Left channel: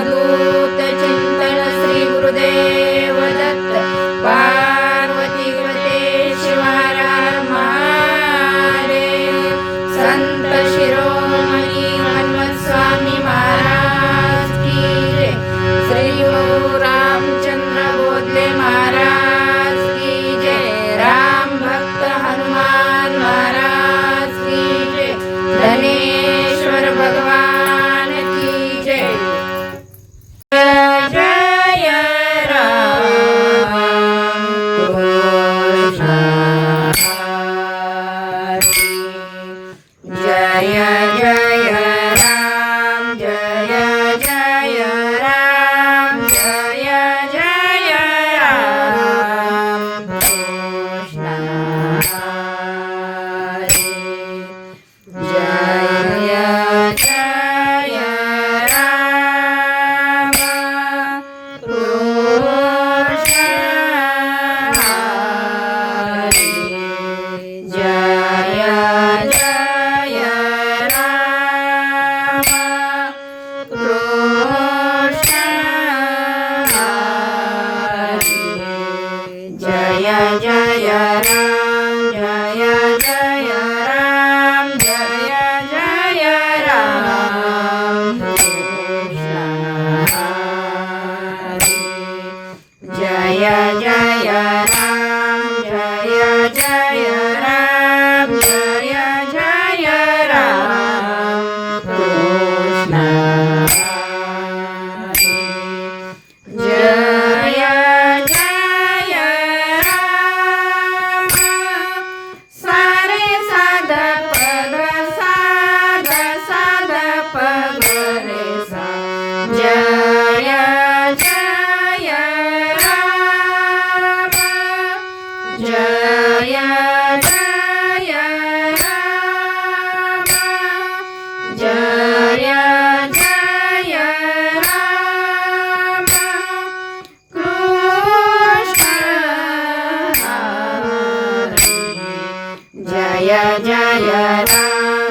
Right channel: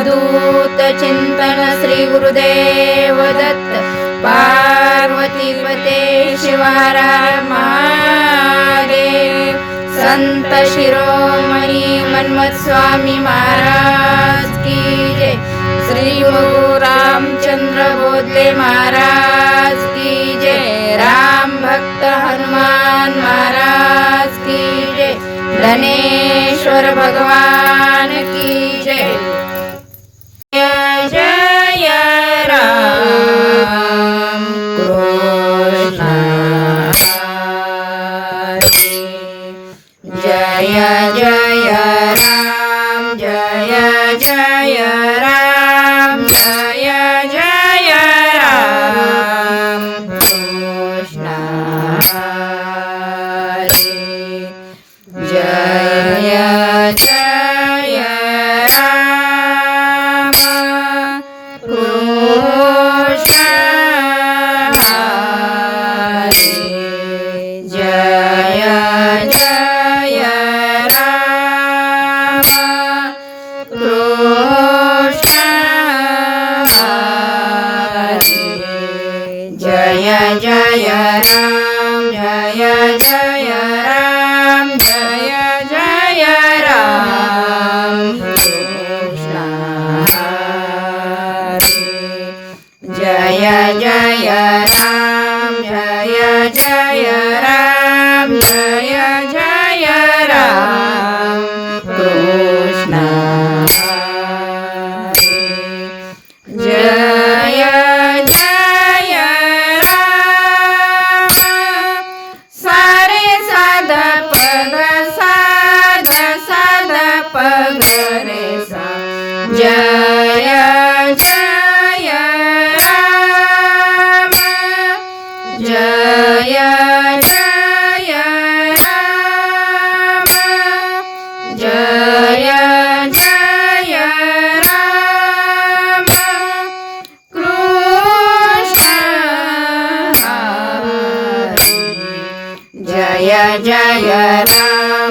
ど da da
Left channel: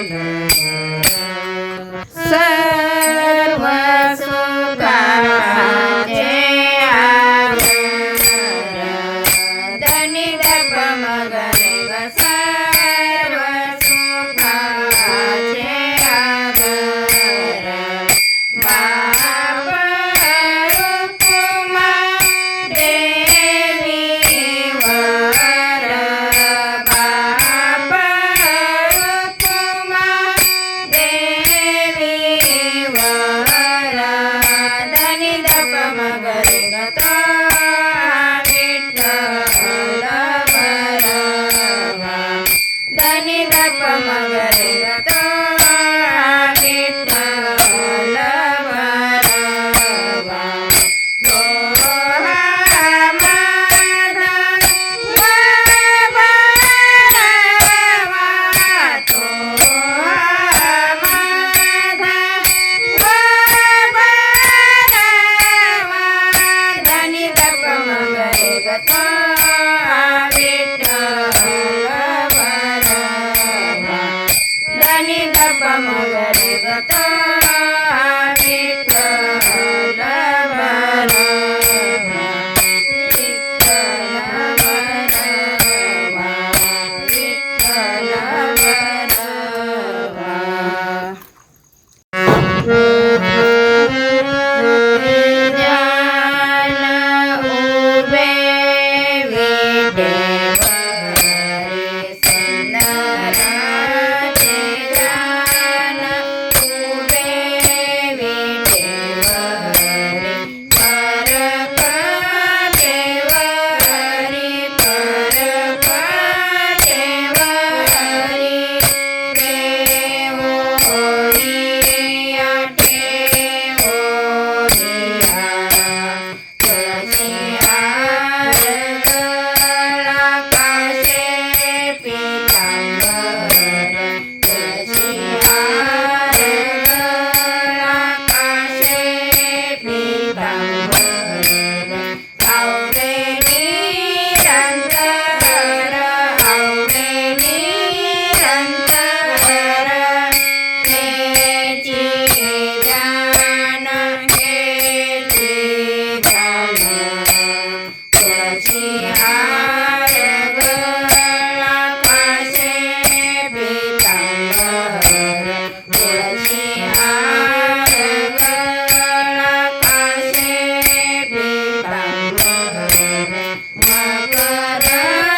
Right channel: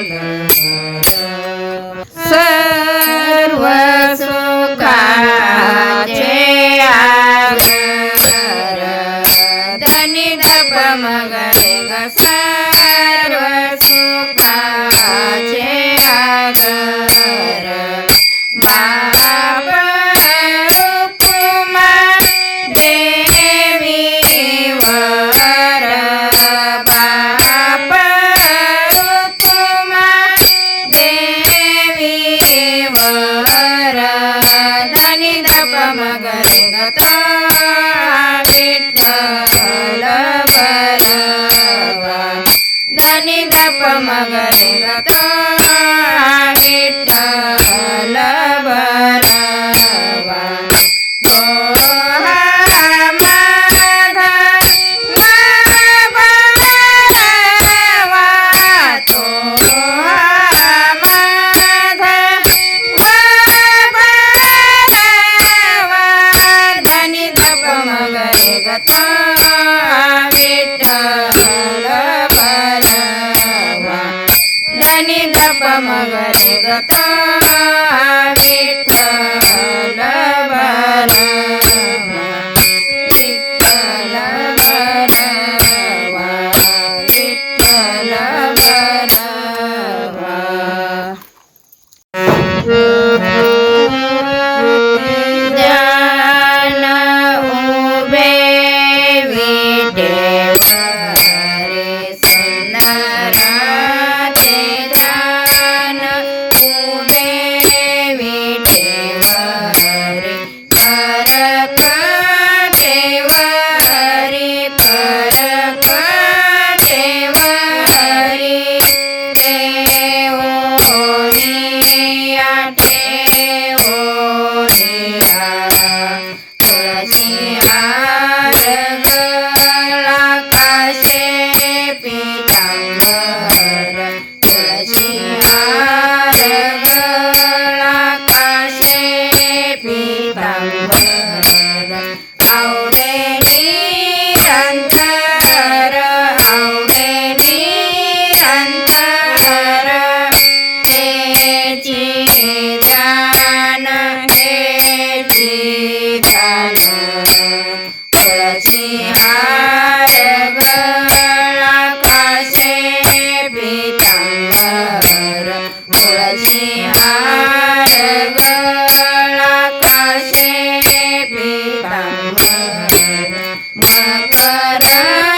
Yeah. Yeah,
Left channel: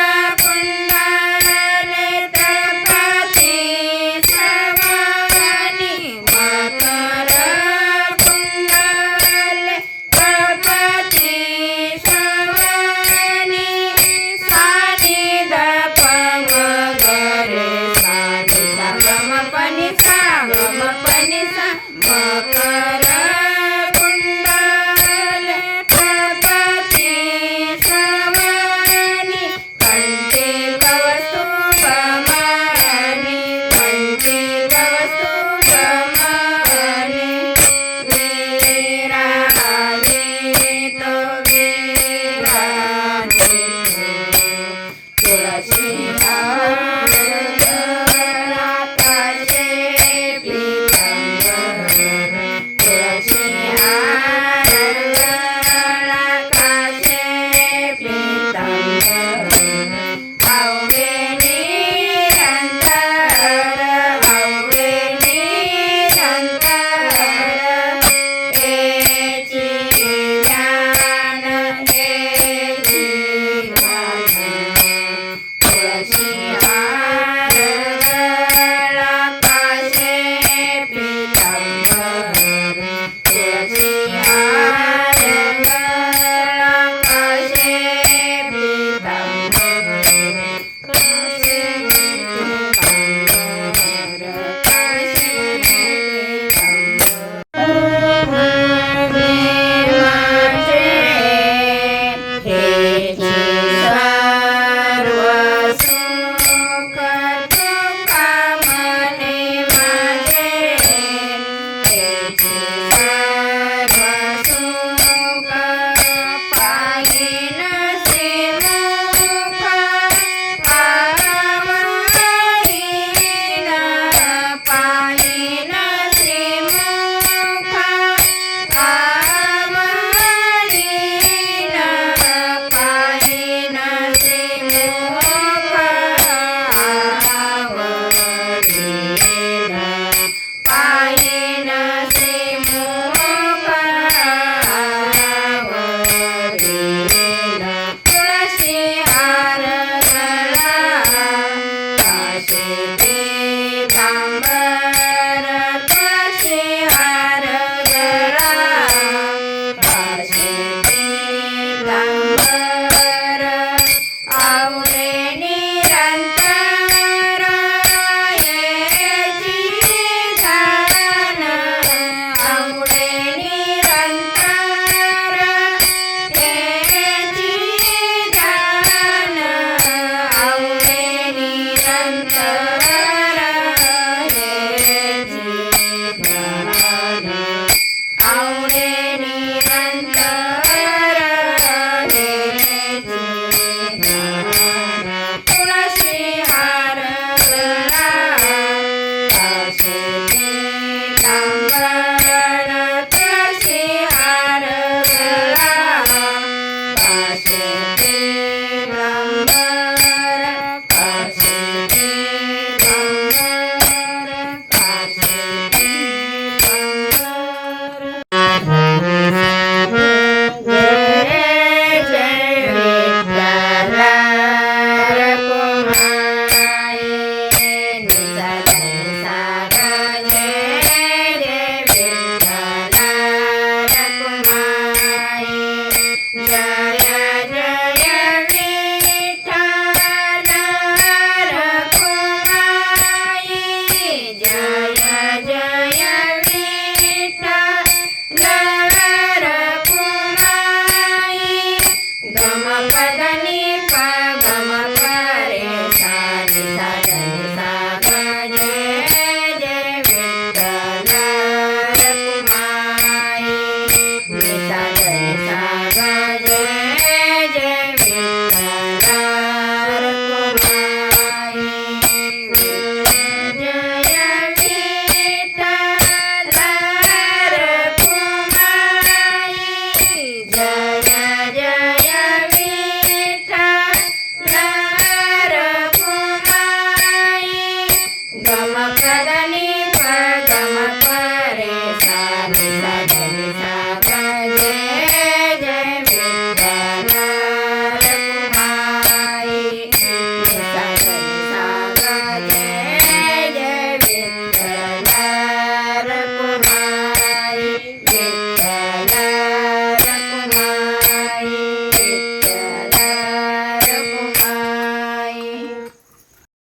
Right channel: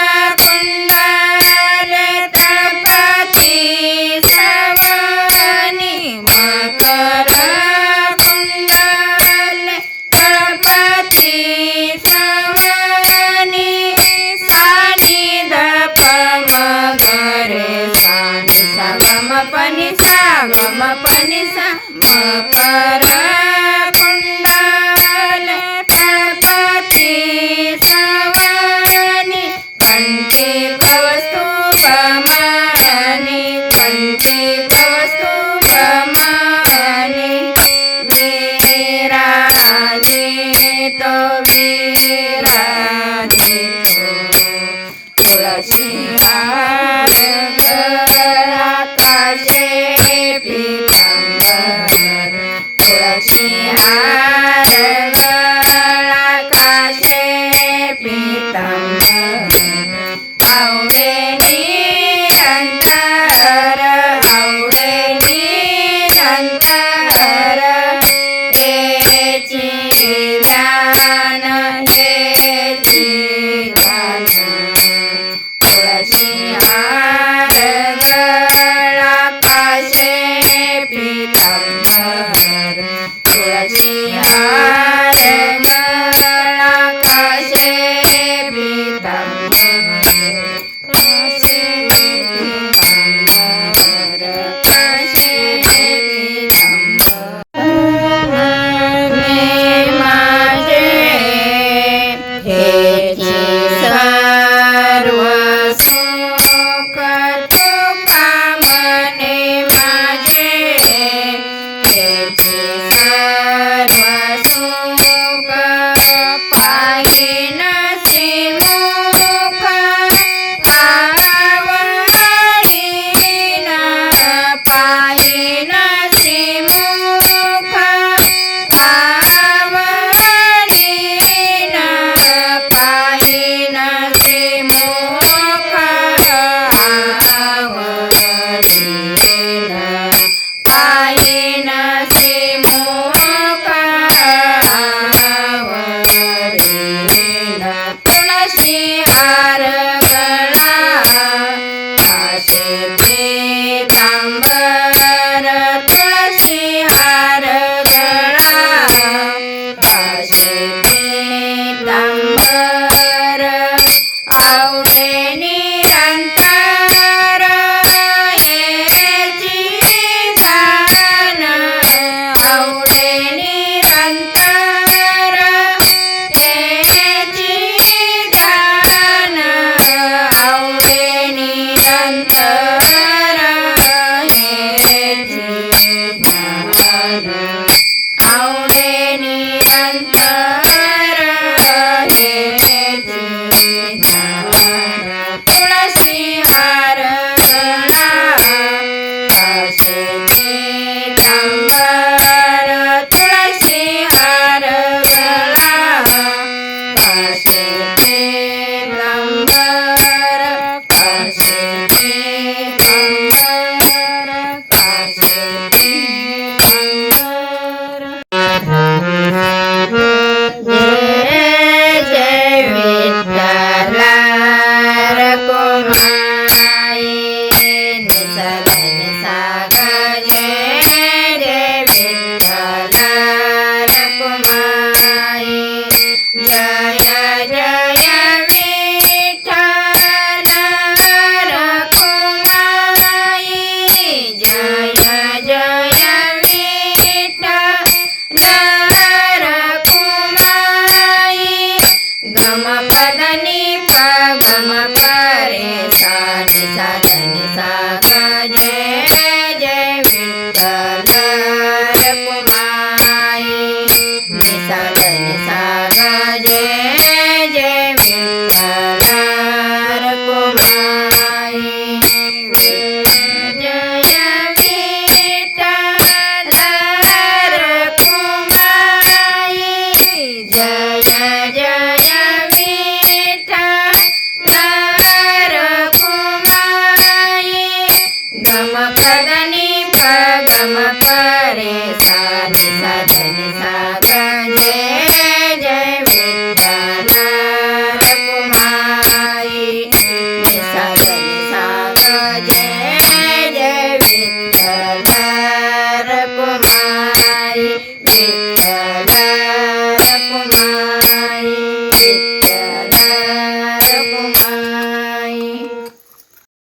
拜。ಗಮ ಪದನಿ